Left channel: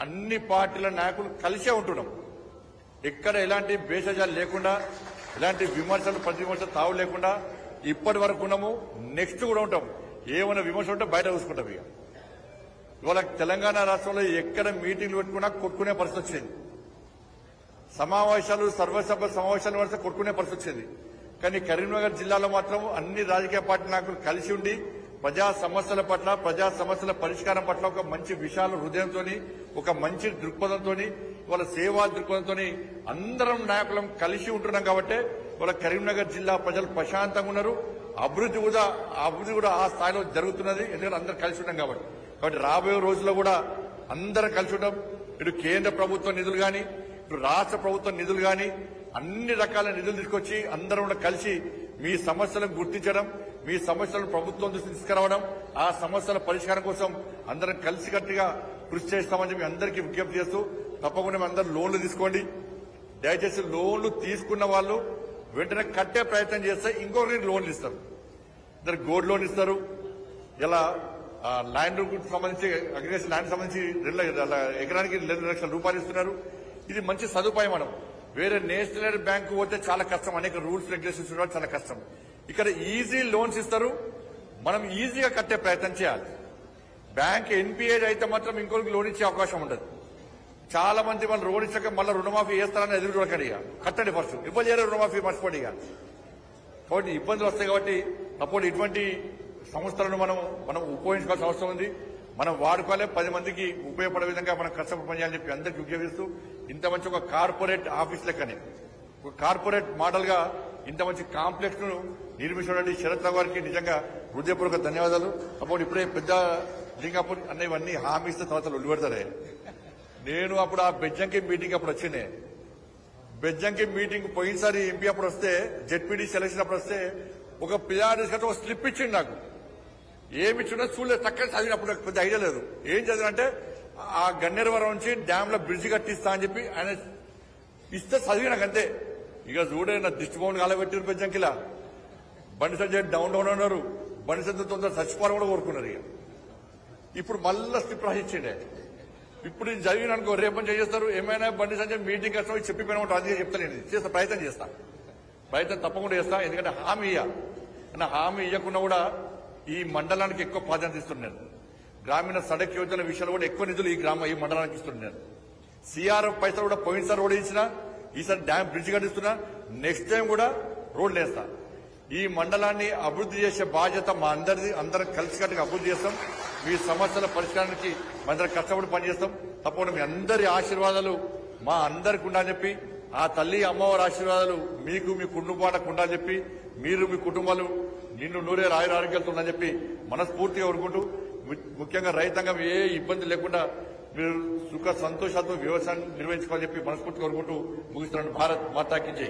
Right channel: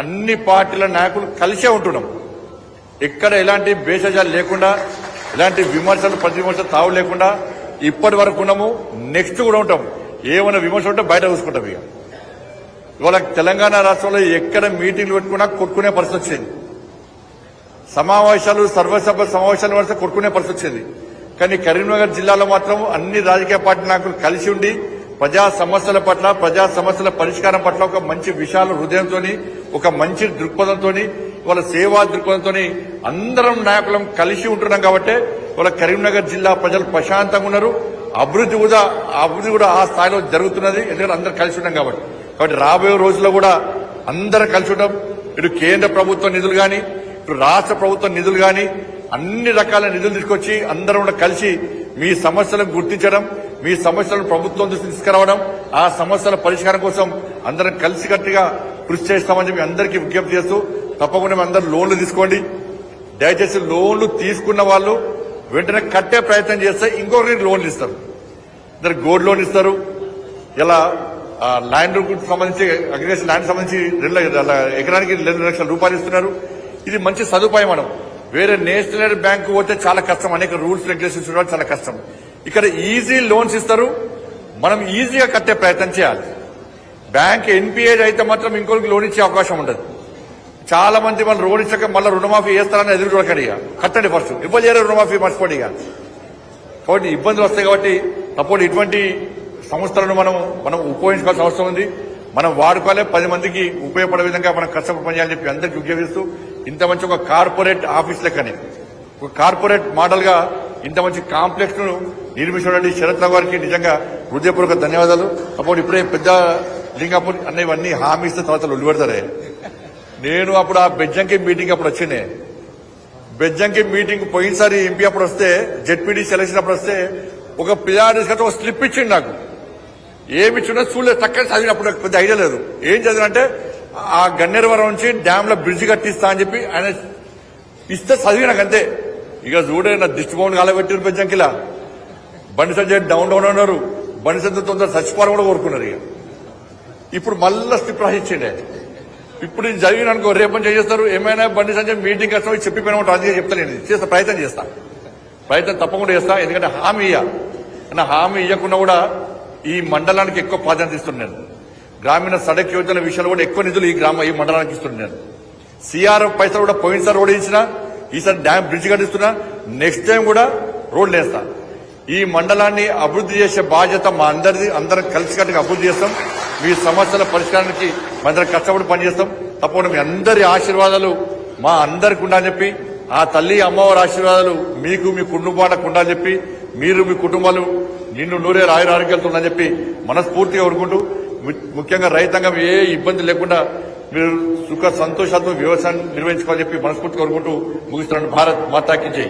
అన్ని పార్టీల నాయకులు కలిసే ఉంటున్నాం. ఎక్కడ ఎలాంటి భేషజాలు లేకుండా, ఎలాంటి విమర్శలు ప్రతి విమర్శలు తావు లేకుండా ఇప్పటి వరకు ఉన్నాము. నెక్స్ట్ కూడా ఉంటాం. ఏమైనా విమర్శ ఉంటే బయట చూసుకుంటాం. ఇవాళ తెలంగాణ రాష్ట్రంలో ఎక్కడ మీటింగ్లు పెట్టుకున్నా కొట్టుకునే పరిస్థితి వచ్చింది. సమావేశాలు, సర్వసభ సమావేశాలు వస్తే కొట్టుకునే పరిస్థితి వచ్చింది. కానీ కరీంనగర్ జిల్లాలో మాత్రం అన్ని రాజకీయ పార్టీ నాయకులు కలిసి ఉండి ప్రజా సమస్యల పట్ల, ప్రజా సమస్యల పరిష్కారం పట్ల ఒక మంచి విశాల హృదయంతో, ఒక మంచి దృక్పథంతో, ఇవాళ సేవా దృక్పథంతో అందరం నాయకులం కలిసి ఉంటున్నాం. కాబట్టి ఇవాళ కరీంనగర్ జిల్లా ప్రజలు ప్రశాంతంగా ఉన్నారు. అభివృద్ధి కూడా ఆ స్థాయిలో జరుగుతున్నది. ఎందుకంటే అందరం కలిసి ఉన్నాం కాబట్టి రాబోయే రోజుల్లో కూడా అందరం కలిసి ఉంటాం. ఇటు కేంద్ర ప్రభుత్వ నిధులు కానీ, ఇటు రాష్ట్ర ప్రభుత్వ నిధులు కానీ, అన్ని రకాల నిధులు తీసుకొచ్చి అందరం కూడా కలిసి మీ సమస్యలను గుర్తించడం, మీ సమస్యలను ప్రభుత్వం దృష్టికి తీసుకురావడం, ఆ సమస్యల పరిష్కారం కోసం అందరం కలిసికట్టుగా కృషి చేస్తామని చెప్పి అందరికీ విజ్ఞప్తి చేస్తూ, తప్పకుండా అందరూ లోన్లు తీసుకోండి. దయచేసి లోన్లు తీసుకున్న వాళ్ళు వెంటనే కట్టే ప్రయత్నం చేస్తే ఇంకొకరికి లోన్లు ఇస్తారు. ఇద్దరు గోల్డ్ లోన్ ఇస్తారు. ఇలా ల్యాండ్ సంబంధించి, అగ్రికల్చర్ ల్యాండ్ సంబంధించి ఎకరానికి 2 లక్షల రూపాయలు ఇస్తున్నారు. ఇది మంచి సదుపాయం. మనం వేరే నేషనల్ బ్యాంకు పోతే చాలా కష్టం, అనేక రూల్స్ రెగ్యులేషన్స్ ఉండడం చాలా కష్టం. ఇక్కడ ఈజీ లోన్స్ ఇస్తారు. మనం ఈజీగా కట్టే ప్రయత్నం చేయాలి. బ్యాంక్ ఎన్పిఏ అయితే మాత్రం ఇంకొకరికి లోన్ ఇచ్చే అవకాశం ఉండదు. చాలా మంది మనం లోన్ ఇచ్చాక మళ్ళీ రుణమాఫీ చేస్తారని ఎదురు చూడకండి. కట్టండి ఫస్ట్. ఇబ్బంది చేయరు, రుణమాఫీ మర్చిపోండి. కాబట్టి ఇబ్బందులు వస్తాయి. కాబట్టి తప్పకుండా ఇటువంటి సంస్థలను మనం ఉపయోగించుకోవాల్సిన అవసరం ఉంది. మనం వాడుకోవాలి. 10 మందికి ఉపయోగపడే విధంగా మనం కష్టపడి పనిచేయాలని చెప్పి అందరికీ విజ్ఞప్తిస్తూ, ఇంత మంచి ఒక కార్పొరేట్ ఆఫీస్ లెక్కని, ఒక కార్పొరేట్ మోడల్ గా ఇంత మంచి కాంప్లెక్స్ ను నిర్మించినటువంటి శరత్ రావు గారికి నిజంగా హృదయపూర్వక ధన్యవాదాలు. అప్పుడు ఇప్పుడే పెద్ద లింగాపూర్ అన్నవన్నీ హామీ ఇస్తే తర్వాత ఉల్లిపెడతారే. నేను అప్పుడు ఆ బెజ్జంకి మీటింగ్ అప్పుడు వచ్చిండే. బెజ్జంకి మీటింగ్ పోయినసారి ఎంపీ అప్పుడు వస్తే, జెడ్పీటీ సెలక్షన్ అప్పుడు వస్తే ఒక పిల్లాడి ఒక స్లిప్ ఇచ్చింది నాకు. ఏమి ఇచ్చిందో చూడలేదు. చక్కగా చదివినప్పుడు పెద్ద ఐడియా లేదు. ఏం చదివినంటే ఆ గన్నేరువరం నుంచి డ్యామ్ లో బ్రిడ్జ్ కట్టిస్తా అని చెప్పి ఆయన ఇస్తే చదివి నాకు అంతే. ఇక చూడే నా దిష్టిభవన్ కాలబెట్టిన పెంచంకిలా బండి సంజయ్ డౌన్ అన్నారు. బండి సంజయ్ తొందర చచ్చిపోవాలని కూడా కోరుకున్నారు. ఇక ఇప్పుడు మళ్ళా స్లిప్ రాసిచ్చిండే. ఇప్పుడు ఇది చదివిన అనుకో రేపని చేస్తారు. ఏమైనా బండి సంజయ్ మీటింగ్ వస్తాం చెప్పిపోయినా ఉంటుంది. అందుకే చెప్తాను. నేను చేస్తా, ప్రయత్నం తప్పకుండా చేస్తా. ఎందుకంటే హామీ ఇయ్య, హామీ ఇవ్వకుండా కూడా ఈ మండలానికి ఎక్కువ ప్రాధాన్యత ఇస్తున్నాను. గ్రామీణ సడక్ యోజన విషయంలో కూడా ఎక్కువ నిధులు ఈ మండలానికి ఇస్తున్నాను. సిఆర్ఎఫ్ పైసలు కూడా పోయినసారి రోడ్ ఇచ్చినా, ఈసారి డ్యామ్ బ్రిడ్జ్ కట్టిస్తున్నా. నెక్స్ట్ టైం కూడా రోడ్లు వేస్తా. ఈ మండలాన్ని అభివృద్ధి చేసే బాధ్యత మా అందరిది. అందరం కలిసికట్టుగా అభివృద్ధి చేస్తాం. మీ సమస్యల పరిష్కారానికి అందరం కష్టపడి పనిచేస్తాం. తప్పకుండా మీ అందరి ఆశీర్వాదాలు మా అందరికి ఉండాలని చెప్పి, ఆ తల్లి అమ్మవారి ఆశీర్వాదాలు మీకు మీ కుటుంబాలకు ఉండాలని చెప్పి, మీరు మీ కుటుంబాలు నిన్ను నూరే ఆరోగ్యాలతో ఉండాలని చెప్పి మనస్ఫూర్తిగా కోరుకుంటూ, ముఖ్యంగా రైతాంగం ఏ ఇబ్బంది లేకుండా మీరు సుఖ సంతోషాలతో వ్యవసాయం నిర్వహించుకోవాలని చెప్పి మనస్ఫూర్తిగా కోరుకుంటూ ముగిస్తున్నాను. భారత్ మాతాకి జై.